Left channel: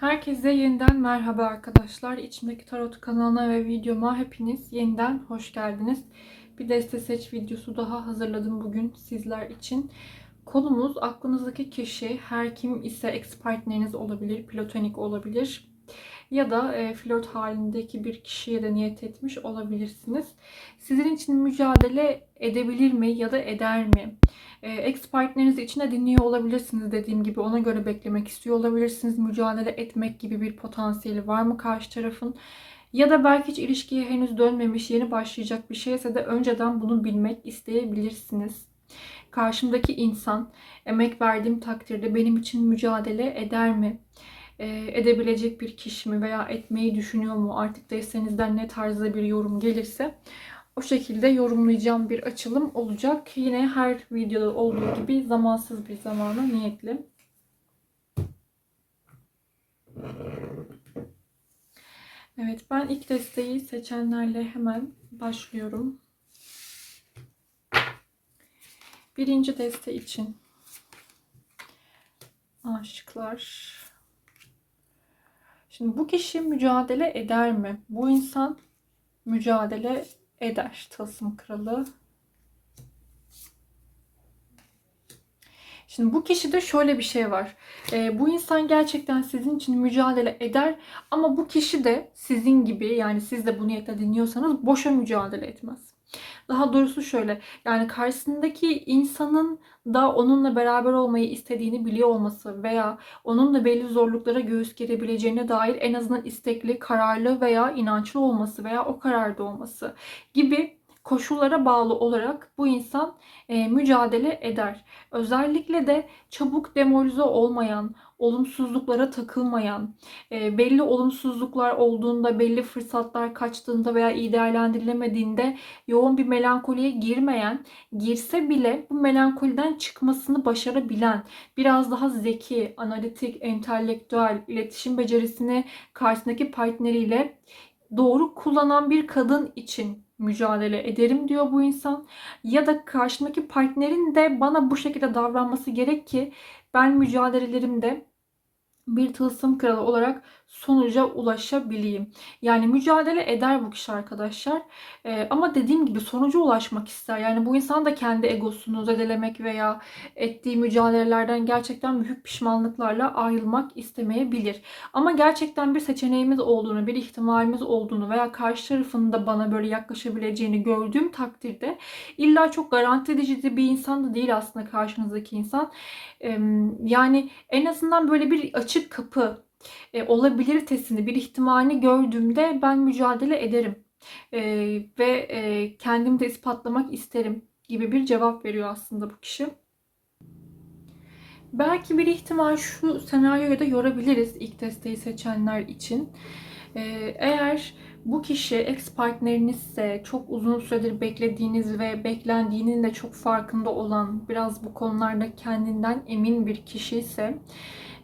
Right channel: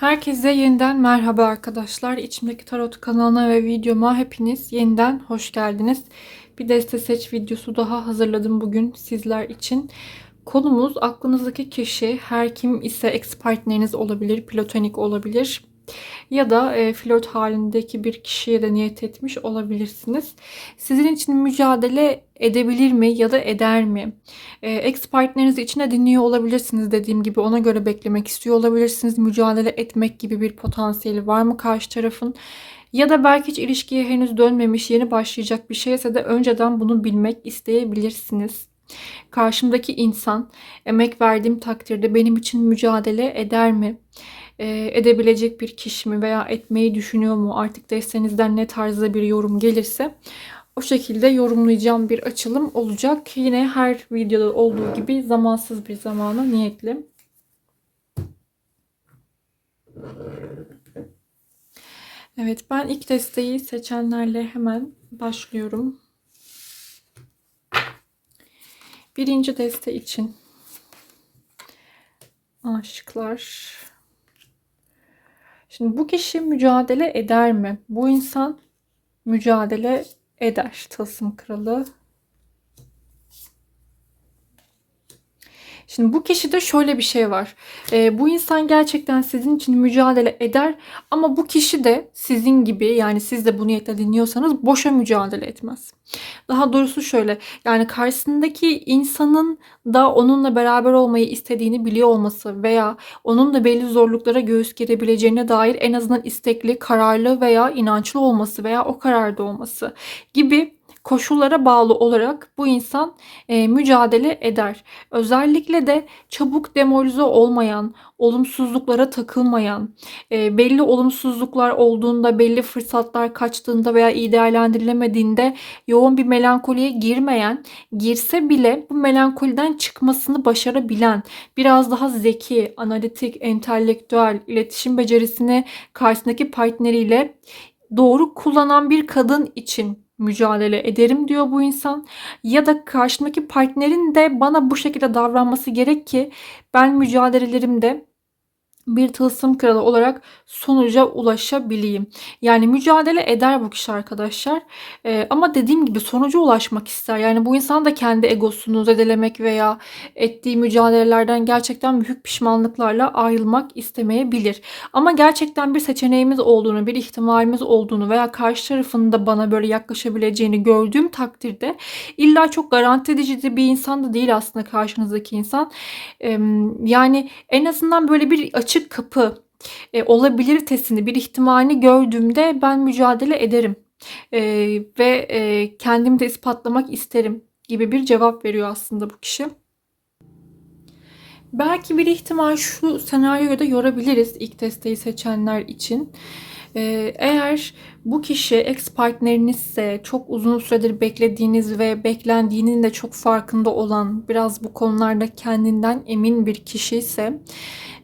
Herkese yeniden merhaba arkadaşlar. İçimdeki Tarot kanalına ve videoma hepiniz yeniden hoş geldiniz. Bir deste seç videosu daha hazırladım bugün sizler için. Konumuz aklınızdaki kişi her kim ise ex partneriniz olabilir, platonik olabilir ya da e, flört halindeki bir kişiye de niyet etmiş olabilirsiniz. Sizin için mücadele edebilir mi ya da eder mi? E, ex partnerinizi içine dinliyor olabilirsiniz dediğim gibi ona göre beklemek istiyor olabilirsiniz. Mücadele etmek gibi bir potansiyeli var mı karşı tarafın? Ya da belki hiç ilişkiye henüz dönmemiş, yeni başlayacak bir şeyse de önceden bunu bilmek isteyebilirsiniz. Karşımdaki insan emek verdiğim takdirde benim için mücadele eder mi? E, edebilecek bir kişi mi veya etmeyi düşünüyor mu? Artık destenizden ne tarzda bir yorum gelirse o şekilde yorumlayacağım bir açılım olacak. Yine her videoda olduğu gibi zamansız bir zamana niyetli. Evet ben ilk desteği seçenlerle hemen başlıyorum. Birinci deste için aşıklar. Şimdi bu kişi mücadele eder mi? Bu insan mücadele eder. Tılsım kralı. Şimdi bu kişide şöyle bir şey var. E, bu insan gerçekten sizin için mücadele eder ama bu kişi de sizin gibi yani siz de bu niyetle dinliyorsanız boşa mücadele etmez. Daha doğrusu şöyle yani karşısındaki insanın da onunla beraber olmayı istediğini biliyor olması veya onun da belli zorluklara göğüs gerebileceğine dair en azından istekli, kararlı veya inançlı olması veya o kararda olması gibi koşullara bağlı olarak bu insan e, mücadele eder. Özellikle de çabuk demoralize olmayan, olumsuzluklara takılmayan, e, belli olumsuzluklar olduğunda, belli fırsatlar kaçtığında veya iyi değerlendirilemediğinde yoğun bir melankoliye girmeyen, girse bile bu melankoliden çıkmasını başarabilen, biraz daha zeki, analitik, entelektüel, iletişim becerisini karşısındaki partneriyle doğru kullanan bir kadın için mücadele ederim diyor bu insan. Ya da karşımdaki partnerin de bana bu şekilde davranması gerek ki ben mücadelelerimde bir tılsım kralı olarak sonuca ulaşabileyim. Yani mücadele eder bu kişi arkadaşlar. Ee, ama dediğim gibi sonuca ulaşmak ister. Yani bu insan da kendi egosunu zedelemek veya ettiği mücadelelerden gerçekten büyük pişmanlıklarla ayrılmak istemeyebilir. Ama gerçekten bir seçeneğimiz olduğunu, bir ihtimalimiz olduğunu veya karşı tarafın da bana böyle yaklaşabileceğini gördüğüm takdirde illa çok garanti edici bir insan da değil aslında karşınızdaki insan. Ee, yani en azından böyle bir açık kapı e, olabiliritesini, bir ihtimalini gördüğümde ben mücadele ederim. E, ve e, kendimi de ispatlamak isterim gibi bir cevap veriyor aslında bu kişi. Belki bir ihtimal şu senaryoyu da yorabiliriz ilk desteği seçenler için. Ee, eğer bu kişi ex partnerinizse çok uzun süredir beklediğiniz ve beklendiğinin de çok farkında olan biraz bu konularda kendinden emin bir kişi ise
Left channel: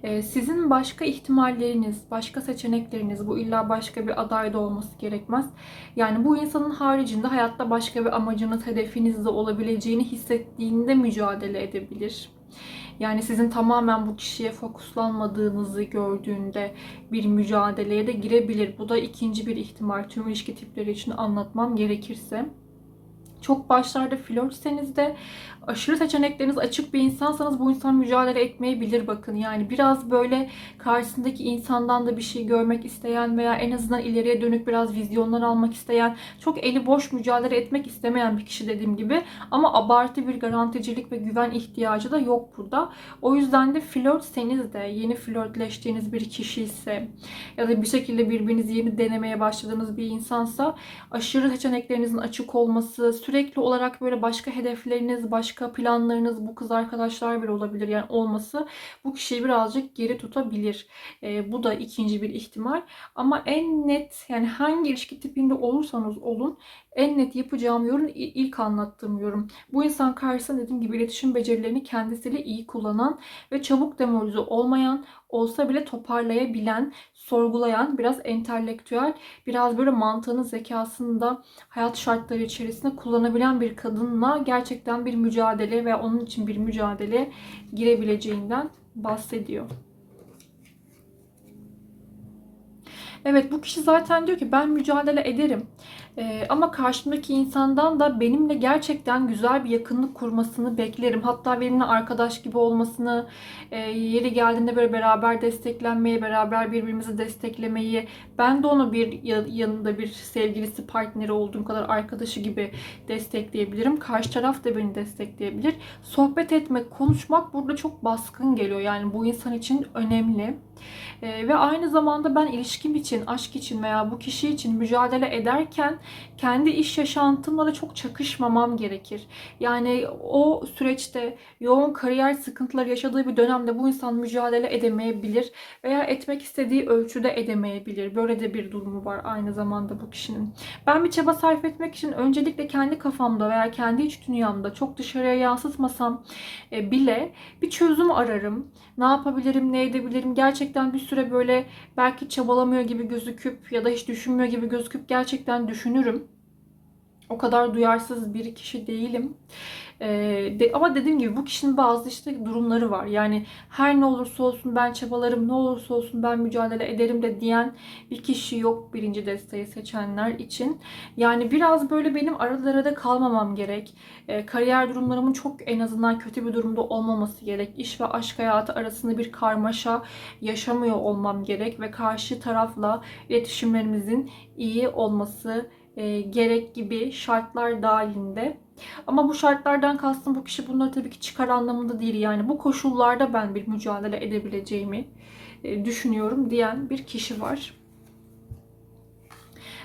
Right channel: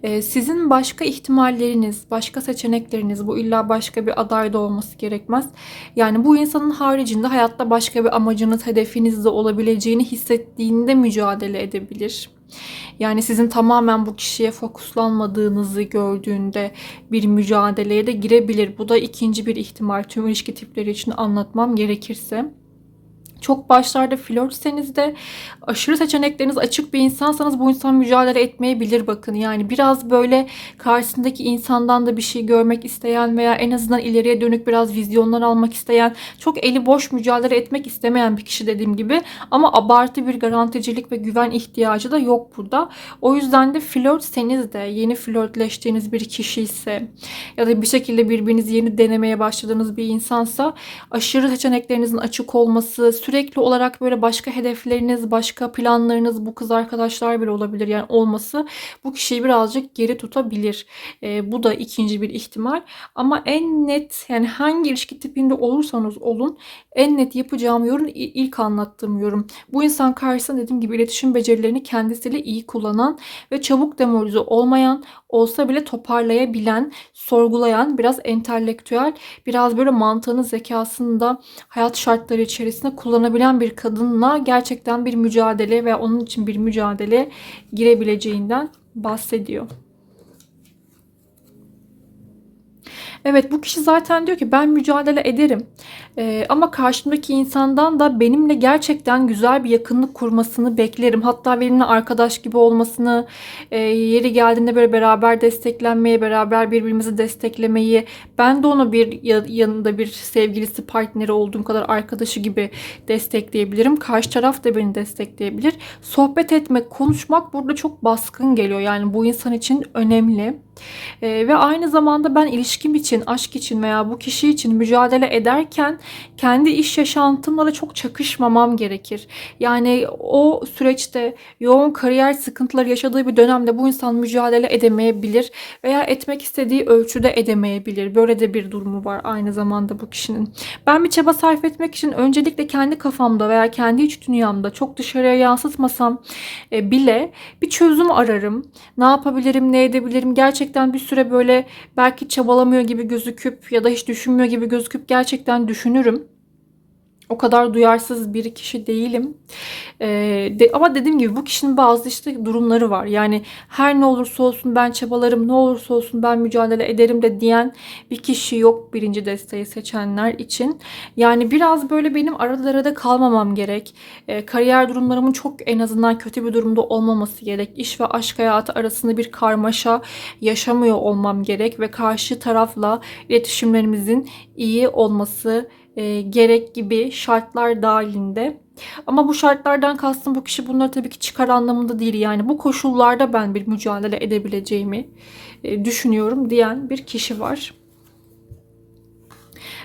ee, sizin başka ihtimalleriniz, başka seçenekleriniz, bu illa başka bir aday da olması gerekmez. Yani bu insanın haricinde hayatta başka bir amacınız, hedefiniz de olabileceğini hissettiğinde mücadele edebilir. Yani sizin tamamen bu kişiye fokuslanmadığınızı gördüğünde bir mücadeleye de girebilir. Bu da ikinci bir ihtimal tüm ilişki tipleri için anlatmam gerekirse çok başlarda flörtseniz de aşırı seçenekleriniz açık bir insansanız bu insan mücadele etmeyebilir bakın. Yani biraz böyle karşısındaki insandan da bir şey görmek isteyen veya en azından ileriye dönük biraz vizyonlar almak isteyen, çok eli boş mücadele etmek istemeyen bir kişi dediğim gibi ama abartı bir garanticilik ve güven ihtiyacı da yok burada. O yüzden de flörtseniz de yeni flörtleştiğiniz bir kişi ise ya da bir şekilde birbirinizi yeni denemeye başladığınız bir insansa aşırı seçeneklerinizin açık olması, sürekli olarak böyle başka hedefleriniz, başka planlarınız bu kız arkadaşlar bile olabilir. Yani olması bu kişiyi birazcık geri tutabilir. E, bu da ikinci bir ihtimal. Ama en net yani hangi ilişki tipinde olursanız olun en net yapacağım yorum ilk anlattığım yorum. Bu insan karşısında dediğim gibi iletişim becerilerini kendisiyle iyi kullanan ve çabuk demoralize olmayan, olsa bile toparlayabilen, sorgulayan, biraz entelektüel, biraz böyle mantığını, zekasını da hayat şartları içerisinde kullanabilen bir kadınla gerçekten bir mücadele ve onun için bir mücadele girebileceğinden bahsediyor. Evet bu kişi zaten diyor ki ben mücadele ederim. Ee, ama karşımdaki insandan da benimle gerçekten güzel bir yakınlık kurmasını beklerim. Hatta benimle arkadaş gibi olmasını, e, yeri geldiğinde böyle beraber desteklenmeyi, beraber birbirimizi desteklemeyi, ben de onu bir ya- yanında bir sevgilisi, partneri olduğum kadar arkadaşı gibi destekleyebilirim. Karşı taraf da beni destekleyebilir. Sohbet etmek, konuşmak burada çok baskın geliyor. Yani bu insan için önemli. Ee, ve aynı zamanda ben ilişkim için, aşk için veya bu kişi için mücadele ederken kendi iş yaşantımla da çok çakışmamam gerekir. Yani o süreçte yoğun kariyer sıkıntıları yaşadığı bir dönemde bu insan mücadele edemeyebilir veya etmek istediği ölçüde edemeyebilir. Böyle de bir durumu var aynı zamanda bu kişinin. Ben bir çaba sarf etmek için öncelikle kendi kafamda veya kendi iç dünyamda çok dışarıya yansıtmasam e, bile bir çözüm ararım. Ne yapabilirim, ne edebilirim? Gerçekten bir süre böyle belki çabalamıyor gibi gözüküp ya da hiç düşünmüyor gibi gözüküp gerçekten düşünürüm. O kadar duyarsız bir kişi değilim. Ee, de, ama dediğim gibi bu kişinin bazı işte durumları var. Yani her ne olursa olsun ben çabalarım, ne olursa olsun ben mücadele ederim de diyen bir kişi yok birinci desteği seçenler için. Yani biraz böyle benim aralarda kalmamam gerek. Ee, kariyer durumlarımın çok en azından kötü bir durumda olmaması gerek. İş ve aşk hayatı arasında bir karmaşa yaşamıyor olmam gerek ve karşı tarafla iletişimlerimizin iyi olması e, gerek gibi şartlar dahilinde. Ama bu şartlardan kastım bu kişi bunları tabii ki çıkar anlamında değil. Yani bu koşullarda ben bir mücadele edebileceğimi e, düşünüyorum diyen bir kişi var.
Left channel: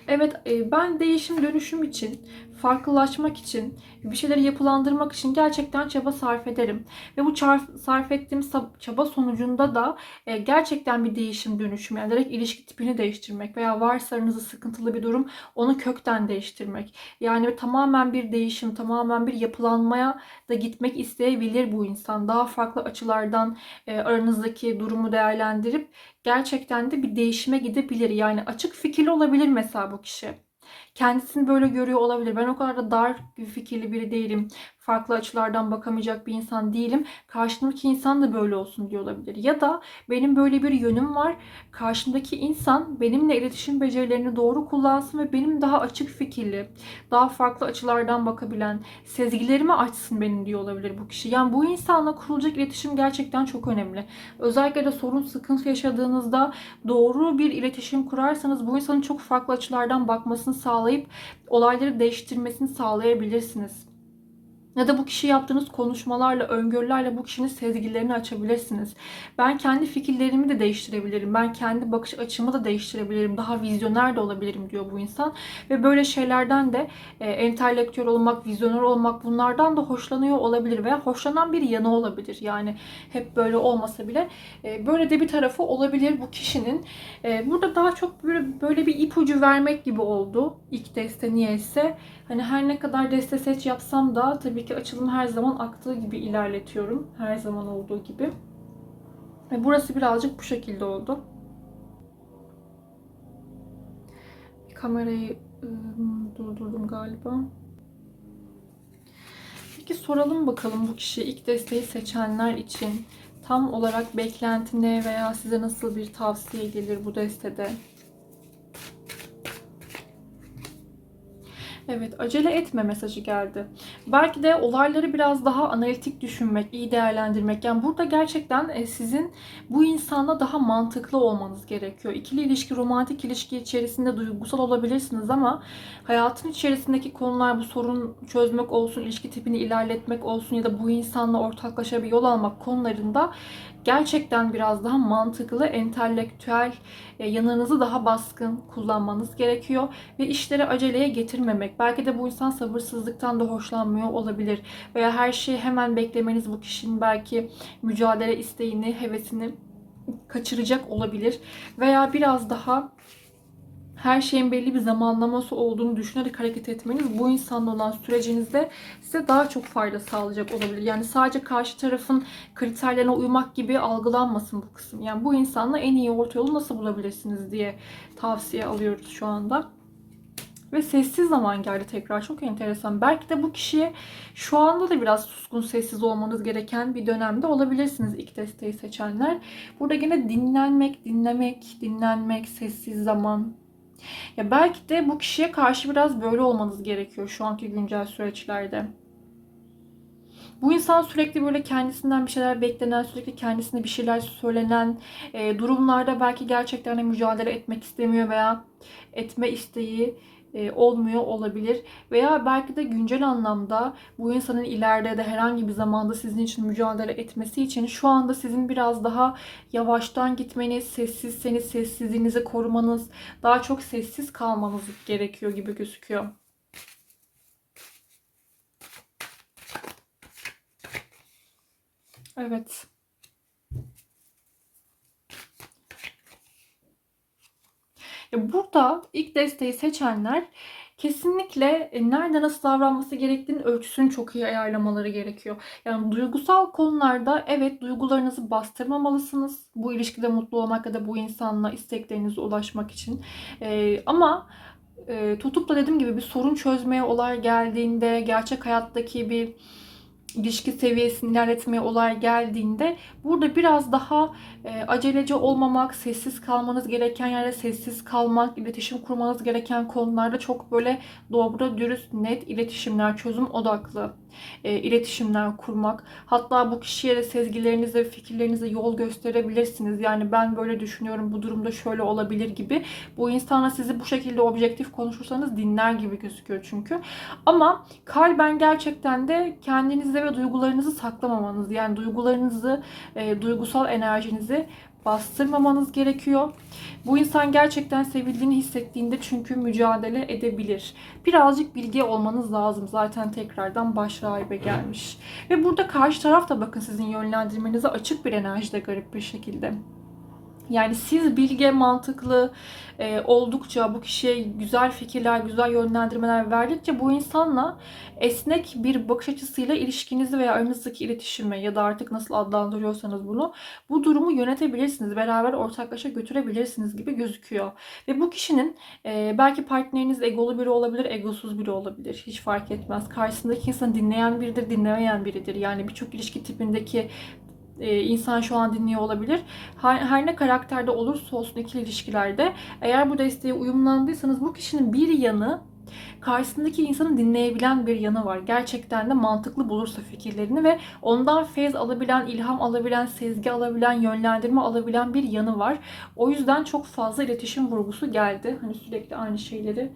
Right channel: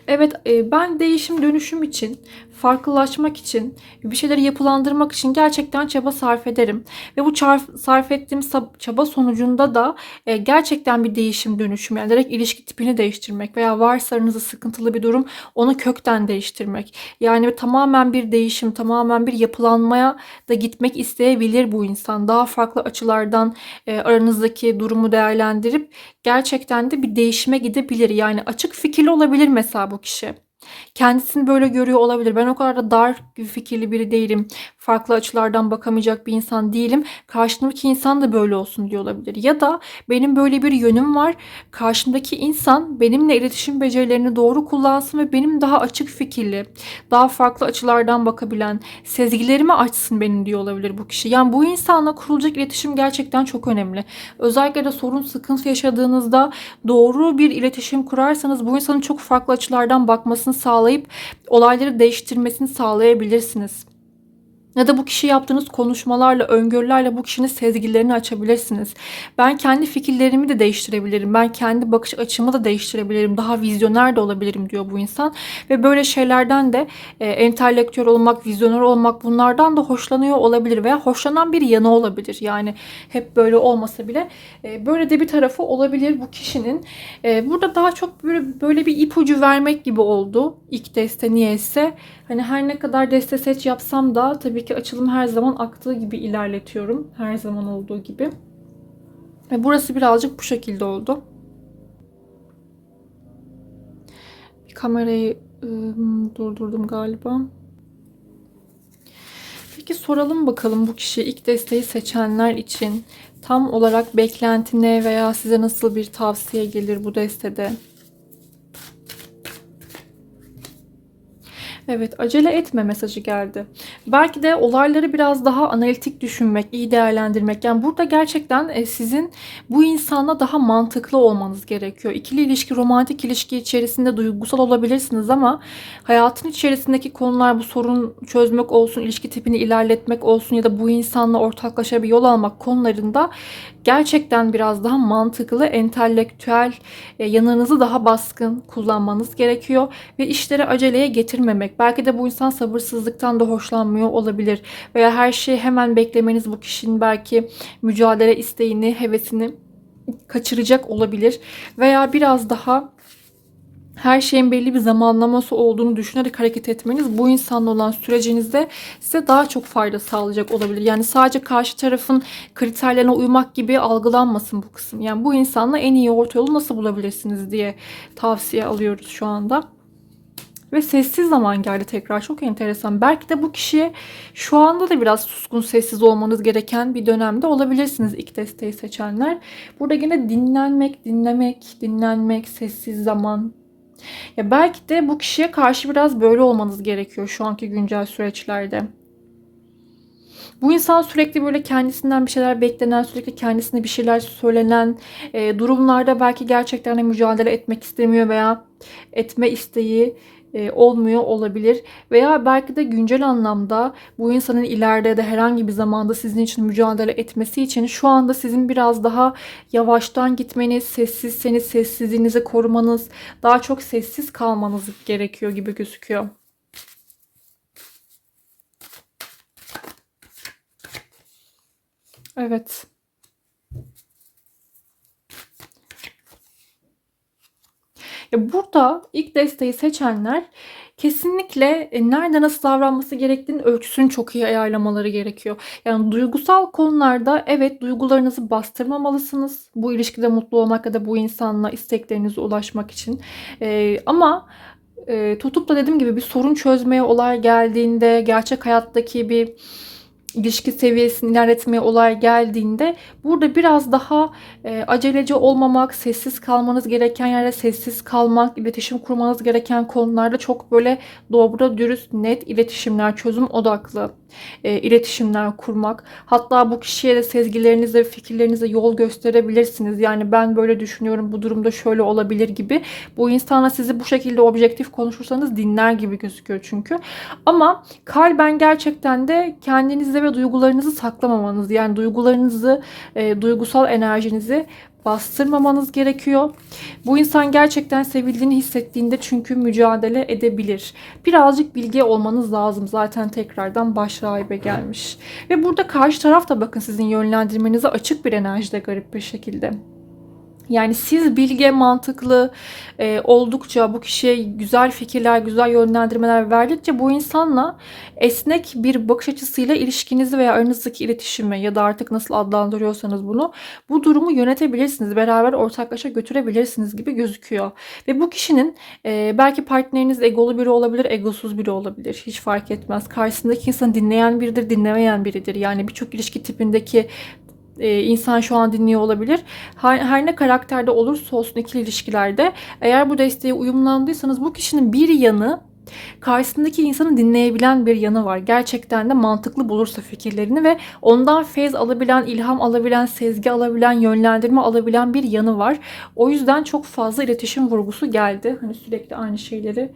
Evet e, ben değişim dönüşüm için, farklılaşmak için, bir şeyleri yapılandırmak için gerçekten çaba sarf ederim. Ve bu çar- sarf ettiğim çaba sonucunda da e, gerçekten bir değişim dönüşüm yani direkt ilişki tipini değiştirmek veya varsa aranızda sıkıntılı bir durum onu kökten değiştirmek. Yani tamamen bir değişim, tamamen bir yapılanmaya da gitmek isteyebilir bu insan. Daha farklı açılardan e, aranızdaki durumu değerlendirip gerçekten de bir değişime gidebilir. Yani açık fikirli olabilir mesela bu kişi. Kendisini böyle görüyor olabilir. Ben o kadar da dar fikirli biri değilim. Farklı açılardan bakamayacak bir insan değilim. Karşımdaki insan da böyle olsun diyor olabilir. Ya da benim böyle bir yönüm var. Karşımdaki insan benimle iletişim becerilerini doğru kullansın ve benim daha açık fikirli, daha farklı açılardan bakabilen, sezgilerimi açsın benim diyor olabilir bu kişi. Yani bu insanla kurulacak iletişim gerçekten çok önemli. Özellikle de sorun, sıkıntı yaşadığınızda doğru bir iletişim kurarsanız bu insanın çok farklı açılardan bakmasını sağlayıp olayları değiştirmesini sağlayabilirsiniz. Ya da bu kişi yaptığınız konuşmalarla, öngörülerle bu kişinin sezgilerini açabilirsiniz. Ben kendi fikirlerimi de değiştirebilirim. Ben kendi bakış açımı da değiştirebilirim. Daha vizyoner de olabilirim diyor bu insan. Ve böyle şeylerden de e, entelektüel olmak, vizyoner olmak bunlardan da hoşlanıyor olabilir. Veya hoşlanan bir yanı olabilir. Yani hep böyle olmasa bile e, böyle de bir tarafı olabilir bu kişinin. E, burada daha çok böyle, böyle bir ipucu vermek gibi oldu. İlk deste niyeyse. Hani her ne kadar deste seç yapsam da tabii ki açılım her zaman aktığı gibi ilerletiyorum. Her zaman olduğu gibi. Ve burası birazcık bu şekilde oldu. Bir kamerayı ıı, durdurdum galiba. Peki soralım bakalım bu kişi ilk desteği seçenler için tam olarak beklenti ne veya size nasıl bir tavsiye gelir bu destede? Evet, acele etme mesajı geldi. Belki de olayları biraz daha analitik düşünmek, iyi değerlendirmek. Yani burada gerçekten e, sizin bu insanla daha mantıklı olmanız gerekiyor. İkili ilişki, romantik ilişki içerisinde duygusal olabilirsiniz ama hayatın içerisindeki konular bu sorun çözmek olsun, ilişki tipini ilerletmek olsun ya da bu insanla ortaklaşa bir yol almak konularında gerçekten biraz daha mantıklı, entelektüel e, yanınızı daha baskın kullanmanız gerekiyor ve işleri aceleye getirmemek. Belki de bu insan sabırsızlıktan da hoşlanmıyor olabilir veya her şeyi hemen beklemeniz bu kişinin belki mücadele isteğini, hevesini kaçıracak olabilir veya biraz daha her şeyin belli bir zamanlaması olduğunu düşünerek hareket etmeniz bu insanla olan sürecinizde size daha çok fayda sağlayacak olabilir. Yani sadece karşı tarafın kriterlerine uymak gibi algılanmasın bu kısım. Yani bu insanla en iyi orta yolu nasıl bulabilirsiniz diye tavsiye alıyoruz şu anda. Ve sessiz zaman geldi tekrar. Çok enteresan. Belki de bu kişi şu anda da biraz suskun sessiz olmanız gereken bir dönemde olabilirsiniz ilk desteği seçenler. Burada yine dinlenmek, dinlemek, dinlenmek, sessiz zaman. Ya belki de bu kişiye karşı biraz böyle olmanız gerekiyor şu anki güncel süreçlerde. Bu insan sürekli böyle kendisinden bir şeyler beklenen, sürekli kendisine bir şeyler söylenen e, durumlarda belki gerçekten de mücadele etmek istemiyor veya etme isteği e, olmuyor olabilir. Veya belki de güncel anlamda bu insanın ileride de herhangi bir zamanda sizin için mücadele etmesi için şu anda sizin biraz daha yavaştan gitmeniz, sessizseniz sessizliğinizi korumanız, daha çok sessiz kalmanız gerekiyor gibi gözüküyor. Evet. Ya burada ilk desteği seçenler kesinlikle e, nerede nasıl davranması gerektiğini ölçüsünü çok iyi ayarlamaları gerekiyor. Yani duygusal konularda evet duygularınızı bastırmamalısınız. Bu ilişkide mutlu olmak ya da bu insanla isteklerinize ulaşmak için. Ee, ama e, tutup da dediğim gibi bir sorun çözmeye olay geldiğinde gerçek hayattaki bir ilişki seviyesini ilerletmeye olay geldiğinde burada biraz daha e, aceleci olmamak, sessiz kalmanız gereken yerde sessiz kalmak, iletişim kurmanız gereken konularda çok böyle dobra, dürüst, net iletişimler, çözüm odaklı e, iletişimler kurmak. Hatta bu kişiye de sezgilerinizle, fikirlerinizle yol gösterebilirsiniz. Yani ben böyle düşünüyorum, bu durumda şöyle olabilir gibi. Bu insana sizi bu şekilde objektif konuşursanız dinler gibi gözüküyor çünkü. Ama kalben gerçekten de kendinizde ve duygularınızı saklamamanız, yani duygularınızı, e, duygusal enerjinizi bastırmamanız gerekiyor. Bu insan gerçekten sevildiğini hissettiğinde çünkü mücadele edebilir. Birazcık bilgi olmanız lazım. Zaten tekrardan baş rahibe gelmiş. Ve burada karşı taraf da bakın sizin yönlendirmenize açık bir enerjide garip bir şekilde. Yani siz bilge, mantıklı e, oldukça, bu kişiye güzel fikirler, güzel yönlendirmeler verdikçe bu insanla esnek bir bakış açısıyla ilişkinizi veya aranızdaki iletişimi ya da artık nasıl adlandırıyorsanız bunu, bu durumu yönetebilirsiniz. Beraber ortaklaşa götürebilirsiniz gibi gözüküyor. Ve bu kişinin e, belki partneriniz egolu biri olabilir, egosuz biri olabilir. Hiç fark etmez. Karşısındaki insanı dinleyen biridir, dinlemeyen biridir. Yani birçok ilişki tipindeki e, insan şu an dinliyor olabilir. Her, her ne karakterde olursa olsun ikili ilişkilerde eğer bu desteğe uyumlandıysanız bu kişinin bir yanı karşısındaki insanı dinleyebilen bir yanı var. Gerçekten de mantıklı bulursa fikirlerini ve ondan feyz alabilen, ilham alabilen, sezgi alabilen, yönlendirme alabilen bir yanı var. O yüzden çok fazla iletişim vurgusu geldi. Hani sürekli aynı şeyleri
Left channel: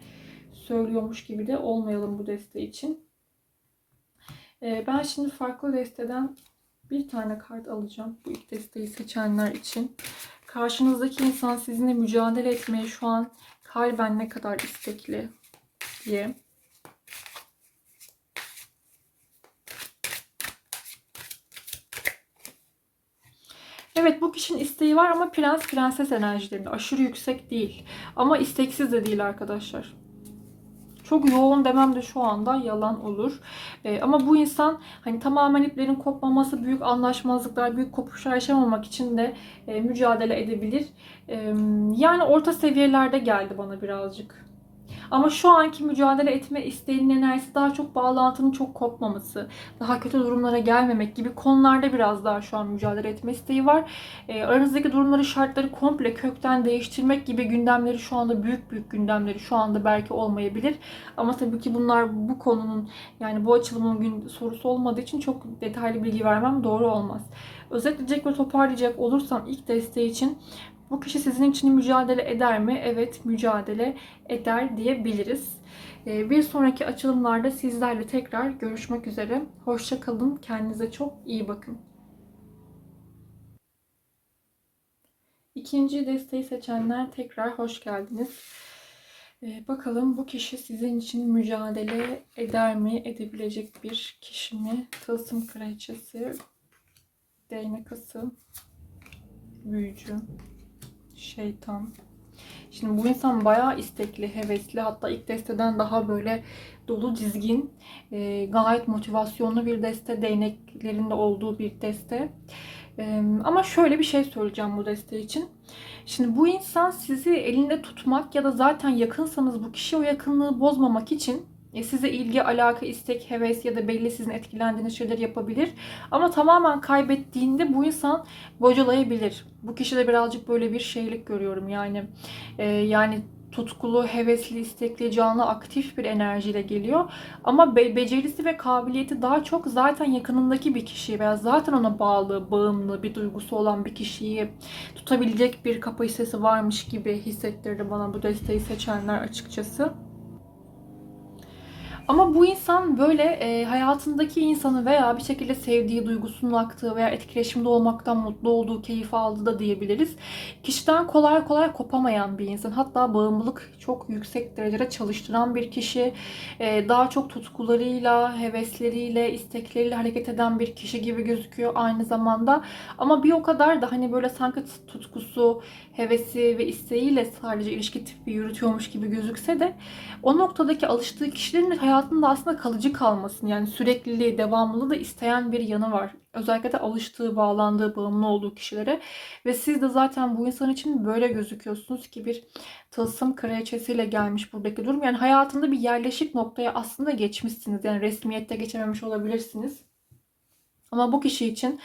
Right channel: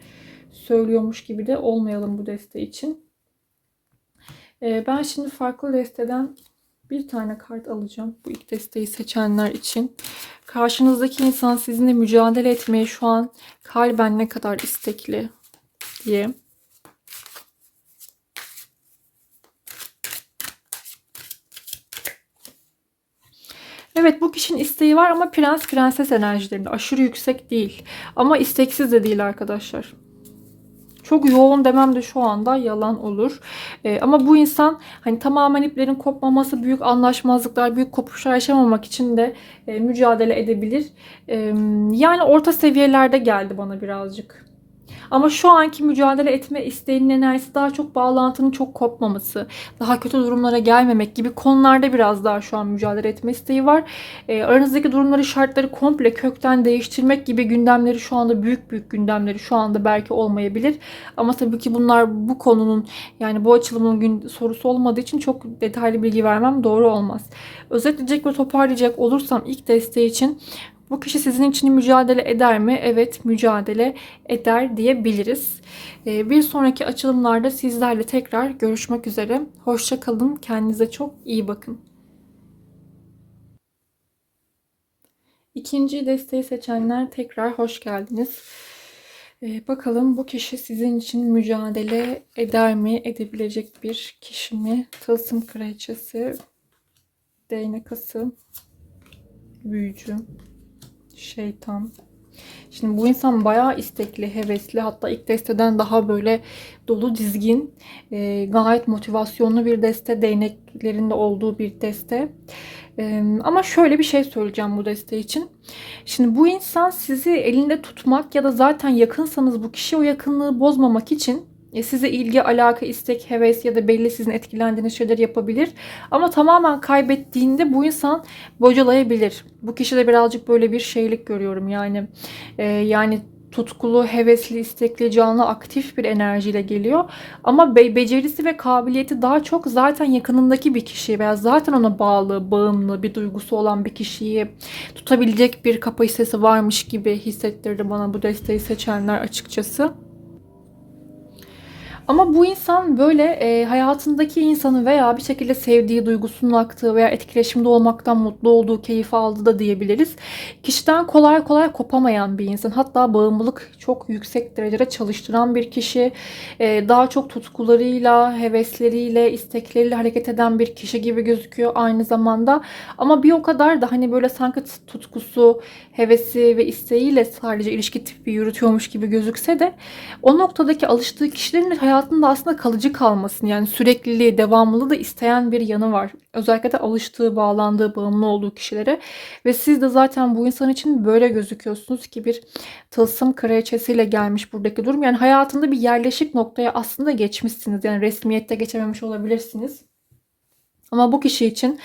söylüyormuş gibi de olmayalım bu deste için. Ee, ben şimdi farklı desteden bir tane kart alacağım bu ilk desteği seçenler için. Karşınızdaki insan sizinle mücadele etmeye şu an kalben ne kadar istekli diye. Evet bu kişinin isteği var ama prens prenses enerjilerinde aşırı yüksek değil. Ama isteksiz de değil arkadaşlar. Çok yoğun demem de şu anda yalan olur. E, ama bu insan hani tamamen iplerin kopmaması, büyük anlaşmazlıklar, büyük kopuşlar yaşamamak için de e, mücadele edebilir. E, yani orta seviyelerde geldi bana birazcık. Ama şu anki mücadele etme isteğinin enerjisi daha çok bağlantının çok kopmaması, daha kötü durumlara gelmemek gibi konularda biraz daha şu an mücadele etme isteği var. E, aranızdaki durumları, şartları komple kökten değiştirmek gibi gündemleri şu anda büyük büyük gündemleri şu anda belki olmayabilir. Ama tabii ki bunlar bu konunun yani bu açılımın gün sorusu olmadığı için çok detaylı bilgi vermem doğru olmaz. Özetleyecek ve toparlayacak olursam ilk desteği için bu kişi sizin için mücadele eder mi? Evet mücadele eder diyebiliriz. Ee, bir sonraki açılımlarda sizlerle tekrar görüşmek üzere. Hoşça kalın. Kendinize çok iyi bakın. İkinci desteği seçenler tekrar hoş geldiniz. Ee, bakalım bu kişi sizin için mücadele eder mi? Edebilecek bir kişi mi? Tılsım kraliçesi, değnek ası, büyücü, şeytan. Şimdi bu insan bayağı istekli, hevesli hatta ilk desteden daha böyle dolu dizgin, e, gayet motivasyonlu bir deste, değneklerinde olduğu bir deste. Ee, ama şöyle bir şey söyleyeceğim bu desteği için. Şimdi bu insan sizi elinde tutmak ya da zaten yakınsanız bu kişi o yakınlığı bozmamak için e, size ilgi, alaka, istek, heves ya da belli sizin etkilendiğiniz şeyler yapabilir. Ama tamamen kaybettiğinde bu insan bocalayabilir. Bu kişide birazcık böyle bir şeylik görüyorum yani. E, yani tutkulu, hevesli, istekli, canlı, aktif bir enerjiyle geliyor. Ama be- becerisi ve kabiliyeti daha çok zaten yakınındaki bir kişi veya zaten ona bağlı, bağımlı bir duygusu olan bir kişiyi tutabilecek bir kapasitesi varmış gibi hissettirdi bana bu desteği seçenler açıkçası. Ama bu insan böyle e, hayatındaki insanı veya bir şekilde sevdiği, duygusunun aktığı veya etkileşimde olmaktan mutlu olduğu, keyif aldığı da diyebiliriz. Kişiden kolay kolay kopamayan bir insan. Hatta bağımlılık çok yüksek derecede çalıştıran bir kişi. E, daha çok tutkularıyla, hevesleriyle, istekleriyle hareket eden bir kişi gibi gözüküyor aynı zamanda. Ama bir o kadar da hani böyle sanki tutkusu, hevesi ve isteğiyle sadece ilişki tipi yürütüyormuş gibi gözükse de o noktadaki alıştığı kişilerin hayatında aslında kalıcı kalmasını yani sürekliliği, devamlılığı da isteyen bir yanı var. Özellikle de alıştığı, bağlandığı, bağımlı olduğu kişilere. Ve siz de zaten bu insan için böyle gözüküyorsunuz ki bir tılsım kraliçesiyle gelmiş buradaki durum. Yani hayatında bir yerleşik noktaya aslında geçmişsiniz. Yani resmiyette geçememiş olabilirsiniz. Ama bu kişi için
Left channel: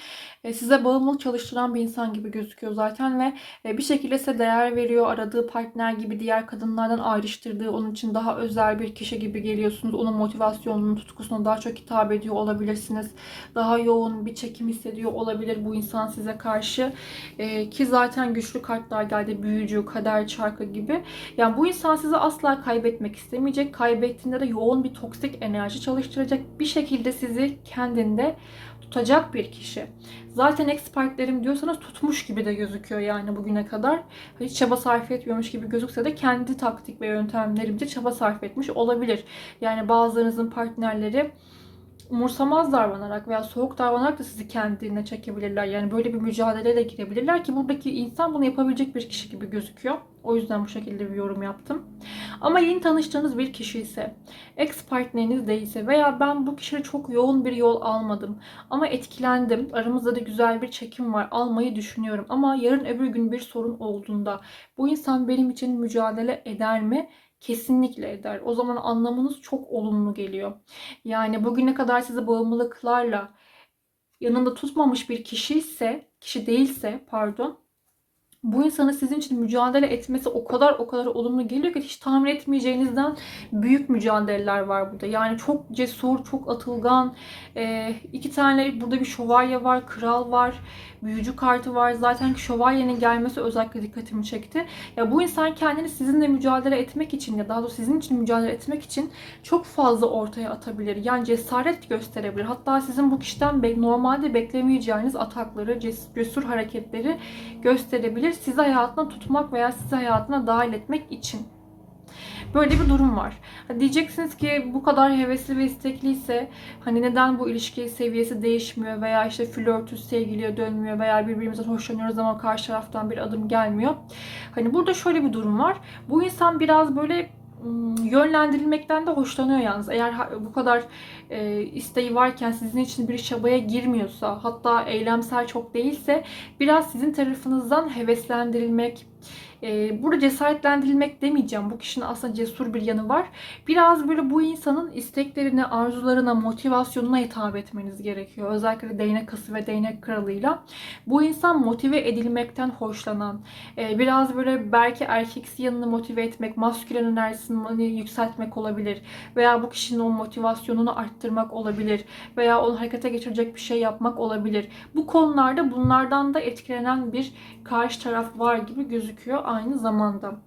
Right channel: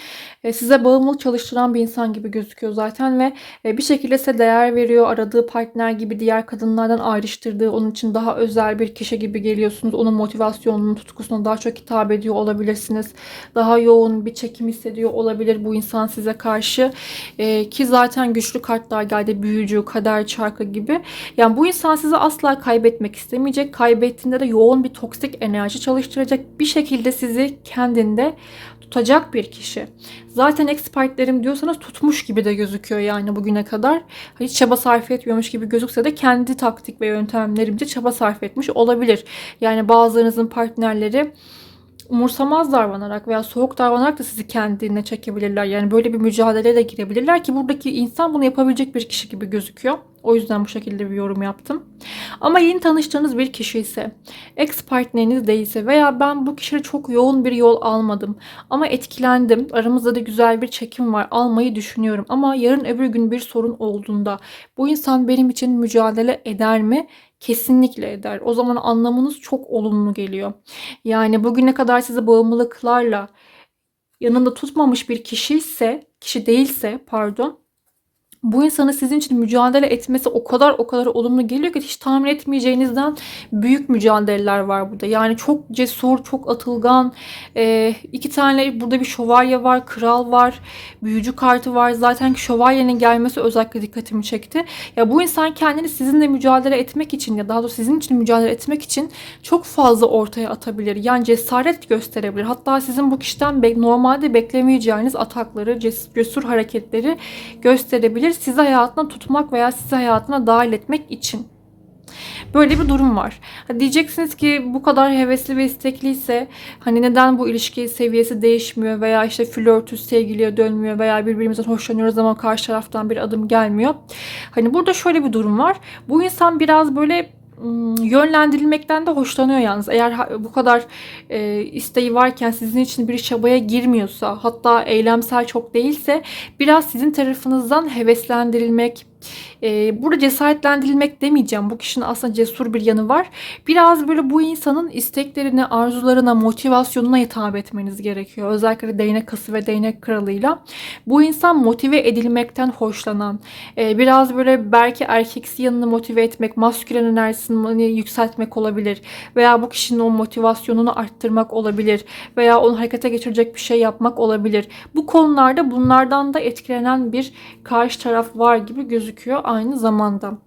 e, size bağımlılık çalıştıran bir insan gibi gözüküyor zaten ve e, bir şekilde size değer veriyor. Aradığı partner gibi diğer kadınlardan ayrıştırdığı, onun için daha özel bir kişi gibi geliyorsunuz. Onun motivasyonunun, tutkusuna daha çok hitap ediyor olabilirsiniz. Daha yoğun bir çekim hissediyor olabilir bu insan size karşı. E, ki zaten güçlü kartlar geldi. Büyücü, kader çarkı gibi. Yani bu insan sizi asla kaybetmek istemeyecek. Kaybettiğinde de yoğun bir toksik enerji çalıştıracak. Bir şekilde sizi kendinde tutacak bir kişi. Zaten expertlerim diyorsanız tutmuş gibi de gözüküyor yani bugüne kadar. Hiç çaba sarf etmiyormuş gibi gözükse de kendi taktik ve yöntemlerimce çaba sarf etmiş olabilir. Yani bazılarınızın partnerleri umursamaz davranarak veya soğuk davranarak da sizi kendine çekebilirler. Yani böyle bir mücadeleye de girebilirler ki buradaki insan bunu yapabilecek bir kişi gibi gözüküyor. O yüzden bu şekilde bir yorum yaptım. Ama yeni tanıştığınız bir kişi ise, ex partneriniz değilse veya ben bu kişiyle çok yoğun bir yol almadım ama etkilendim. Aramızda da güzel bir çekim var. Almayı düşünüyorum ama yarın öbür gün bir sorun olduğunda bu insan benim için mücadele eder mi? Kesinlikle eder. O zaman anlamınız çok olumlu geliyor. Yani bugüne kadar sizi bağımlılıklarla yanında tutmamış bir kişi ise, kişi değilse pardon, bu insanın sizin için mücadele etmesi o kadar o kadar olumlu geliyor ki hiç tahmin etmeyeceğinizden büyük mücadeleler var burada. Yani çok cesur, çok atılgan. E, iki tane burada bir şövalye var, kral var, büyücü kartı var. Zaten şövalyenin gelmesi özellikle dikkatimi çekti. Ya bu insan kendini sizinle mücadele etmek için ya daha doğrusu sizin için mücadele etmek için çok fazla ortaya atabilir. Yani cesaret gösterebilir. Hatta sizin bu kişiden normalde beklemeyeceğiniz atakları, cesur hareketleri gösterebilir. Sizi hayatına tutmak veya sizi hayatına dahil etmek için. Böyle bir durum var. Diyeceksiniz ki bu kadar hevesli ve istekliyse hani neden bu ilişki seviyesi değişmiyor veya işte flörtüz sevgiliye dönmüyor veya birbirimizden hoşlanıyoruz ama karşı taraftan bir adım gelmiyor. Hani burada şöyle bir durum var. Bu insan biraz böyle yönlendirilmekten de hoşlanıyor yalnız. Eğer bu kadar e, isteği varken sizin için bir çabaya girmiyorsa hatta eylemsel çok değilse biraz sizin tarafınızdan heveslendirilmek, e, burada cesaretlendirilmek demeyeceğim. Bu kişinin aslında cesur bir yanı var. Biraz böyle bu insanın isteklerine, arzularına, motivasyonuna hitap etmeniz gerekiyor. Özellikle değnek kası ve değnek kralıyla. Bu insan motive edilmekten hoşlanan, e, biraz böyle belki erkeksi yanını motive etmek, maskülen enerjisini yükseltmek olabilir. Veya bu kişinin o motivasyonunu arttırmak olabilir. Veya onu harekete geçirecek bir şey yapmak olabilir. Bu konularda bunlardan da etkilenen bir karşı taraf var gibi gözüküyor aynı zamanda.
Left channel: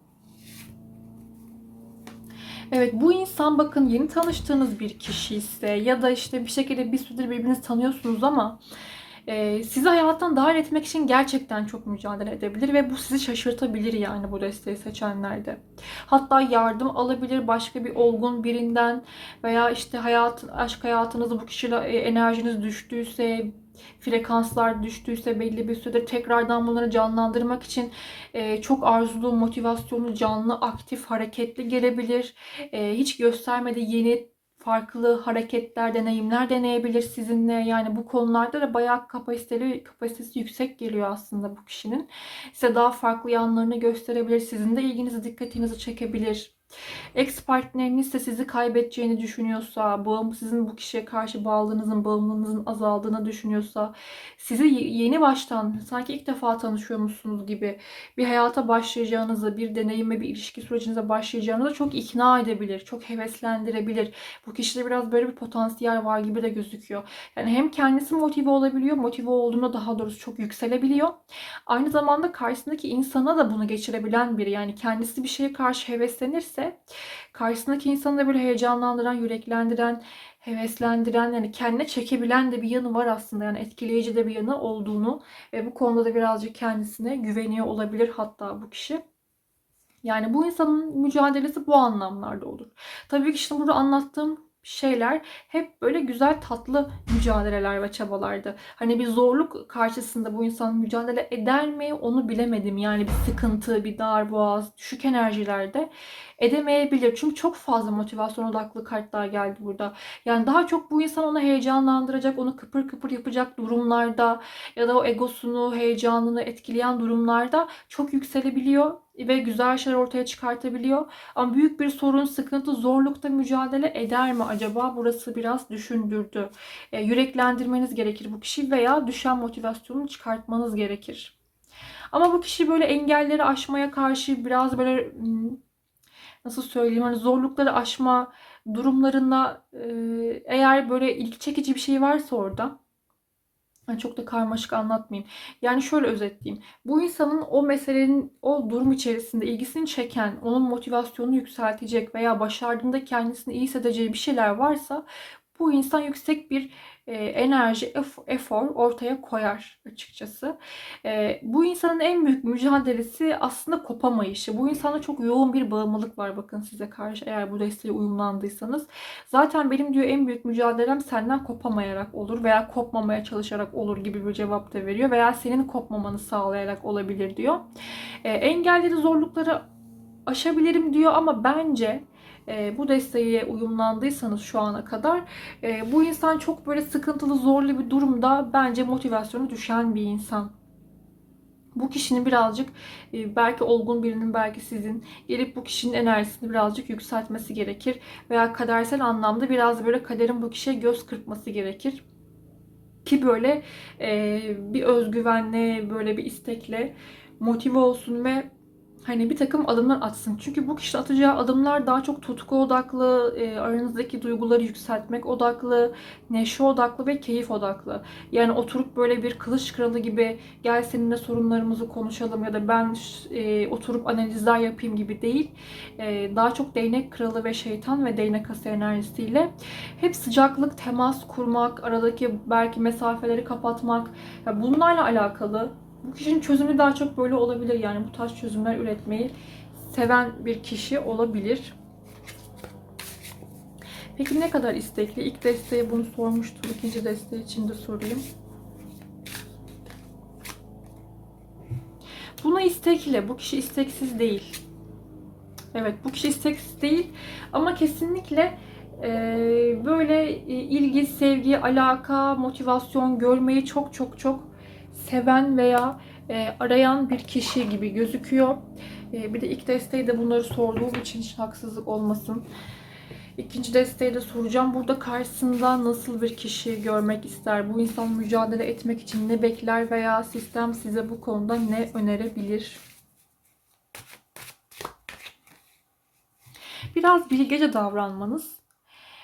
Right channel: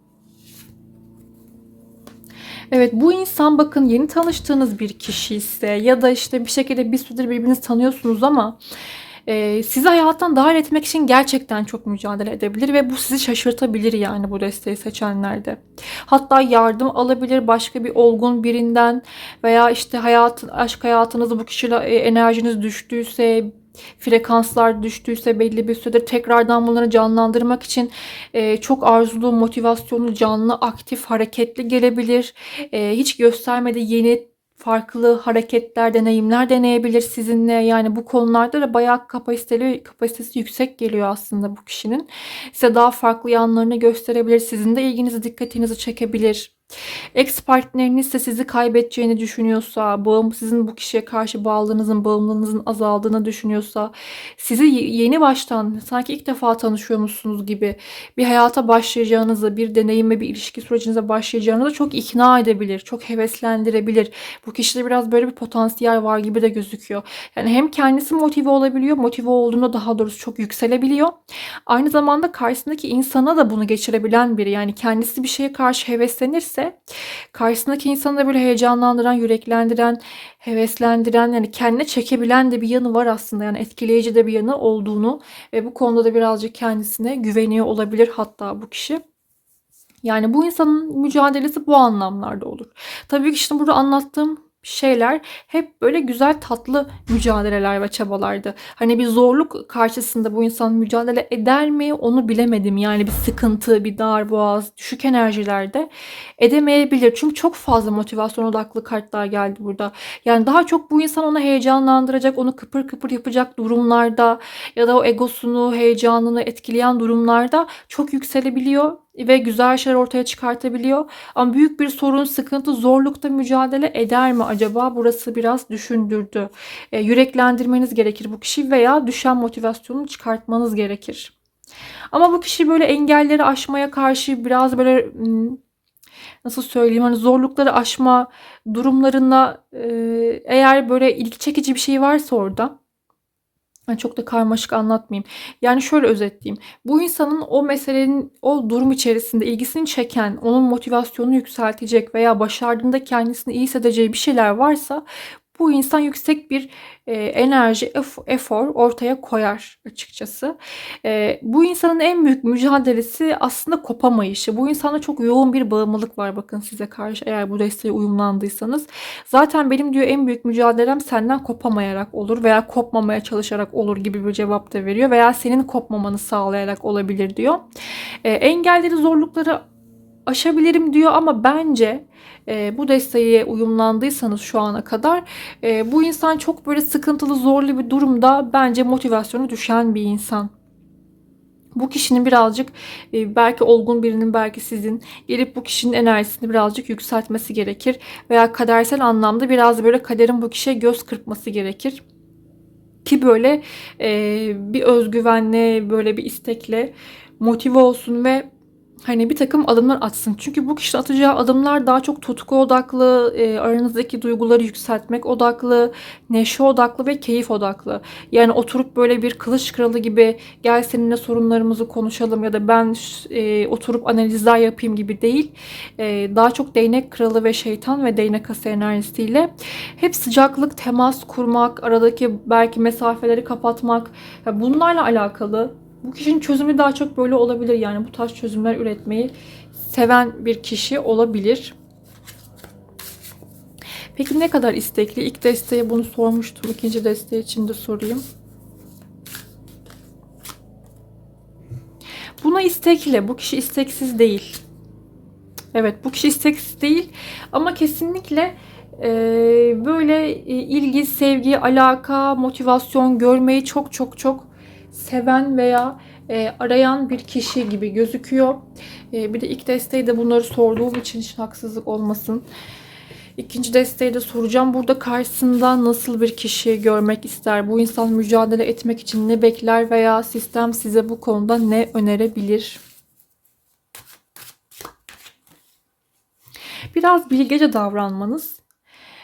Evet bu insan bakın yeni tanıştığınız bir kişi ise ya da işte bir şekilde bir süredir birbirinizi tanıyorsunuz ama e, sizi hayattan dahil etmek için gerçekten çok mücadele edebilir ve bu sizi şaşırtabilir yani bu desteği seçenlerde. Hatta yardım alabilir başka bir olgun birinden veya işte hayat, aşk hayatınızda bu kişiyle e, enerjiniz düştüyse frekanslar düştüyse belli bir süredir tekrardan bunları canlandırmak için e, çok arzulu, motivasyonlu, canlı, aktif, hareketli gelebilir. E, hiç göstermedi yeni farklı hareketler, deneyimler deneyebilir sizinle. Yani bu konularda da bayağı kapasiteli, kapasitesi yüksek geliyor aslında bu kişinin. Size daha farklı yanlarını gösterebilir. Sizin de ilginizi, dikkatinizi çekebilir. Ex partneriniz de sizi kaybedeceğini düşünüyorsa, bağım, sizin bu kişiye karşı bağlılığınızın, bağımlılığınızın azaldığını düşünüyorsa, sizi yeni baştan sanki ilk defa tanışıyormuşsunuz gibi bir hayata başlayacağınızı, bir deneyime, bir ilişki sürecinize başlayacağınızı çok ikna edebilir, çok heveslendirebilir. Bu kişide biraz böyle bir potansiyel var gibi de gözüküyor. Yani hem kendisi motive olabiliyor, motive olduğunda daha doğrusu çok yükselebiliyor. Aynı zamanda karşısındaki insana da bunu geçirebilen biri. Yani kendisi bir şeye karşı heveslenirse karşısındaki insanı da böyle heyecanlandıran, yüreklendiren, heveslendiren yani kendine çekebilen de bir yanı var aslında. Yani etkileyici de bir yanı olduğunu ve bu konuda da birazcık kendisine güveniyor olabilir hatta bu kişi. Yani bu insanın mücadelesi bu anlamlarda olur. Tabii ki işte burada anlattığım şeyler hep böyle güzel tatlı mücadeleler ve çabalardı. Hani bir zorluk karşısında bu insan mücadele eder mi onu bilemedim. Yani bir sıkıntı, bir dar boğaz, düşük enerjilerde edemeyebilir. Çünkü çok fazla motivasyon odaklı kartlar geldi burada. Yani daha çok bu insan onu heyecanlandıracak, onu kıpır kıpır yapacak durumlarda ya da o egosunu, heyecanını etkileyen durumlarda çok yükselebiliyor ve güzel şeyler ortaya çıkartabiliyor. Ama büyük bir sorun, sıkıntı, zorlukta mücadele eder mi acaba? Burası biraz düşündürdü. E, yüreklendirmeniz gerekir bu kişi veya düşen motivasyonu çıkartmanız gerekir. Ama bu kişi böyle engelleri aşmaya karşı biraz böyle hmm, nasıl söyleyeyim hani zorlukları aşma durumlarında e, eğer böyle ilgi çekici bir şey varsa orada yani çok da karmaşık anlatmayayım. Yani şöyle özetleyeyim. Bu insanın o meselenin o durum içerisinde ilgisini çeken, onun motivasyonunu yükseltecek veya başardığında kendisini iyi hissedeceği bir şeyler varsa bu insan yüksek bir e, enerji, efor ortaya koyar açıkçası. E, bu insanın en büyük mücadelesi aslında kopamayışı. Bu insanda çok yoğun bir bağımlılık var bakın size karşı eğer bu desteğe uyumlandıysanız. Zaten benim diyor en büyük mücadelem senden kopamayarak olur veya kopmamaya çalışarak olur gibi bir cevap da veriyor veya senin kopmamanı sağlayarak olabilir diyor. E, engelleri, zorlukları aşabilirim diyor ama bence e, bu desteğe uyumlandıysanız şu ana kadar e, bu insan çok böyle sıkıntılı zorlu bir durumda bence motivasyonu düşen bir insan. Bu kişinin birazcık e, belki olgun birinin belki sizin gelip bu kişinin enerjisini birazcık yükseltmesi gerekir. Veya kadersel anlamda biraz böyle kaderin bu kişiye göz kırpması gerekir. Ki böyle e, bir özgüvenle böyle bir istekle motive olsun ve hani bir takım adımlar atsın. Çünkü bu kişi atacağı adımlar daha çok tutku odaklı, e, aranızdaki duyguları yükseltmek odaklı, neşe odaklı ve keyif odaklı. Yani oturup böyle bir kılıç kralı gibi gel seninle sorunlarımızı konuşalım ya da ben e, oturup analizler yapayım gibi değil. E, daha çok değnek kralı ve şeytan ve değnek ası enerjisiyle hep sıcaklık, temas kurmak, aradaki belki mesafeleri kapatmak yani bunlarla alakalı bu kişinin çözümü daha çok böyle olabilir. Yani bu tarz çözümler üretmeyi seven bir kişi olabilir. Peki ne kadar istekli? İlk desteğe bunu sormuştum. İkinci desteği için de sorayım. Buna istekli. Bu kişi isteksiz değil. Evet bu kişi isteksiz değil. Ama kesinlikle e, böyle ilgi, sevgi, alaka, motivasyon görmeyi çok çok çok seven veya e, arayan bir kişi gibi gözüküyor. E, bir de ilk desteği de bunları sorduğum için hiç haksızlık olmasın. İkinci desteği de soracağım. Burada karşısında nasıl bir kişi görmek ister? Bu insan mücadele etmek için ne bekler veya sistem size bu konuda ne önerebilir? Biraz bilgece davranmanız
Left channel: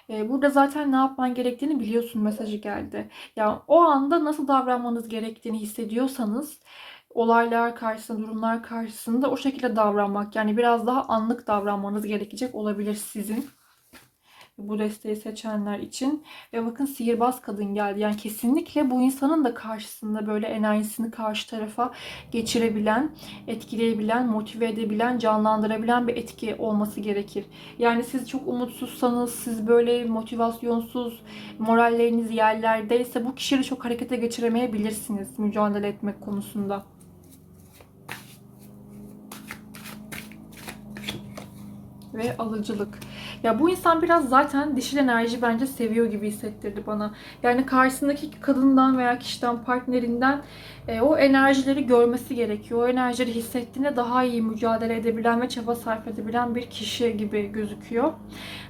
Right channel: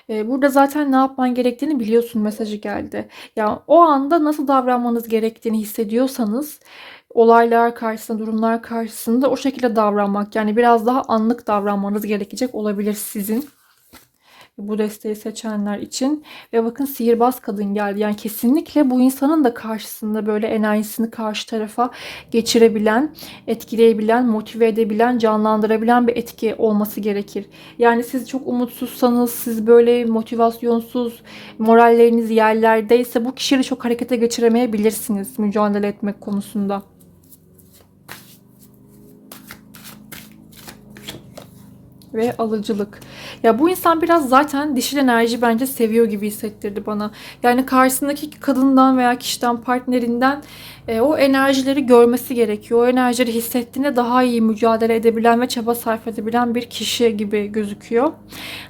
Burada zaten ne yapman gerektiğini biliyorsun mesajı geldi. Yani o anda nasıl davranmanız gerektiğini hissediyorsanız olaylar karşısında, durumlar karşısında o şekilde davranmak yani biraz daha anlık davranmanız gerekecek olabilir sizin bu desteği seçenler için. Ve bakın sihirbaz kadın geldi. Yani kesinlikle bu insanın da karşısında böyle enerjisini karşı tarafa geçirebilen, etkileyebilen, motive edebilen, canlandırabilen bir etki olması gerekir. Yani siz çok umutsuzsanız, siz böyle motivasyonsuz, moralleriniz yerlerdeyse bu kişiyi çok harekete geçiremeyebilirsiniz mücadele etmek konusunda. ve alıcılık. Ya bu insan biraz zaten dişil enerji bence seviyor gibi hissettirdi bana. Yani karşısındaki kadından veya kişiden, partnerinden e, o enerjileri görmesi gerekiyor. O enerjileri hissettiğinde daha iyi mücadele edebilen ve çaba sarf edebilen bir kişi gibi gözüküyor.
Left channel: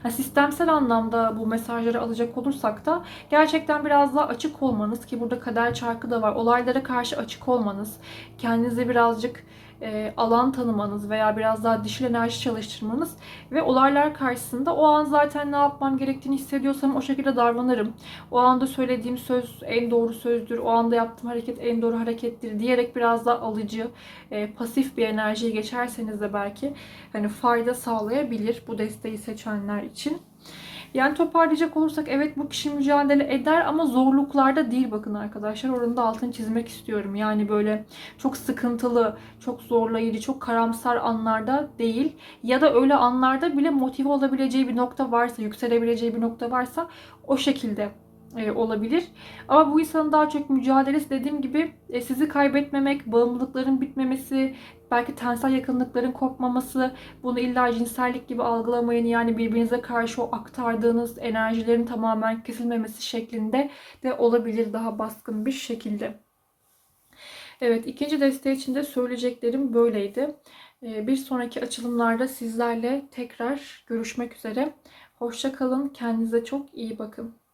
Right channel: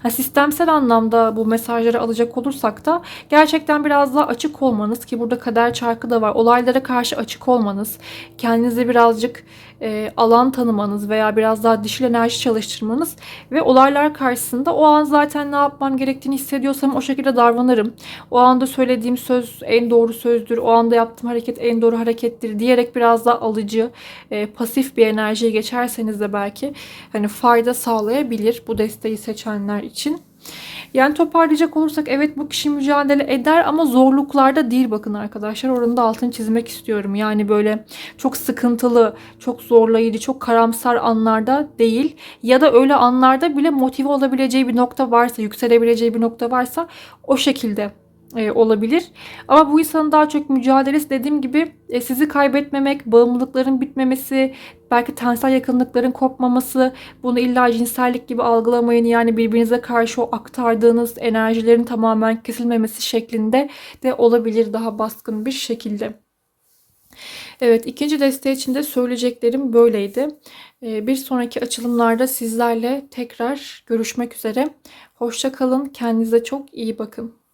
Ha, sistemsel anlamda bu mesajları alacak olursak da gerçekten biraz daha açık olmanız ki burada kader çarkı da var. Olaylara karşı açık olmanız, kendinize birazcık e, alan tanımanız veya biraz daha dişil enerji çalıştırmanız ve olaylar karşısında o an zaten ne yapmam gerektiğini hissediyorsam o şekilde davranırım. O anda söylediğim söz en doğru sözdür, o anda yaptığım hareket en doğru harekettir diyerek biraz daha alıcı, e, pasif bir enerjiye geçerseniz de belki hani fayda sağlayabilir bu desteği seçenler için. Yani toparlayacak olursak evet bu kişi mücadele eder ama zorluklarda değil bakın arkadaşlar. Oranın da altını çizmek istiyorum. Yani böyle çok sıkıntılı, çok zorlayıcı, çok karamsar anlarda değil. Ya da öyle anlarda bile motive olabileceği bir nokta varsa, yükselebileceği bir nokta varsa o şekilde e, olabilir. Ama bu insanın daha çok mücadelesi dediğim gibi e, sizi kaybetmemek, bağımlılıkların bitmemesi, belki tensel yakınlıkların kopmaması, bunu illa cinsellik gibi algılamayın. Yani birbirinize karşı o aktardığınız enerjilerin tamamen kesilmemesi şeklinde de olabilir daha baskın bir şekilde. Evet ikinci desteği için de söyleyeceklerim böyleydi. E, Bir sonraki açılımlarda sizlerle tekrar görüşmek üzere. Hoşça kalın. Kendinize çok iyi bakın.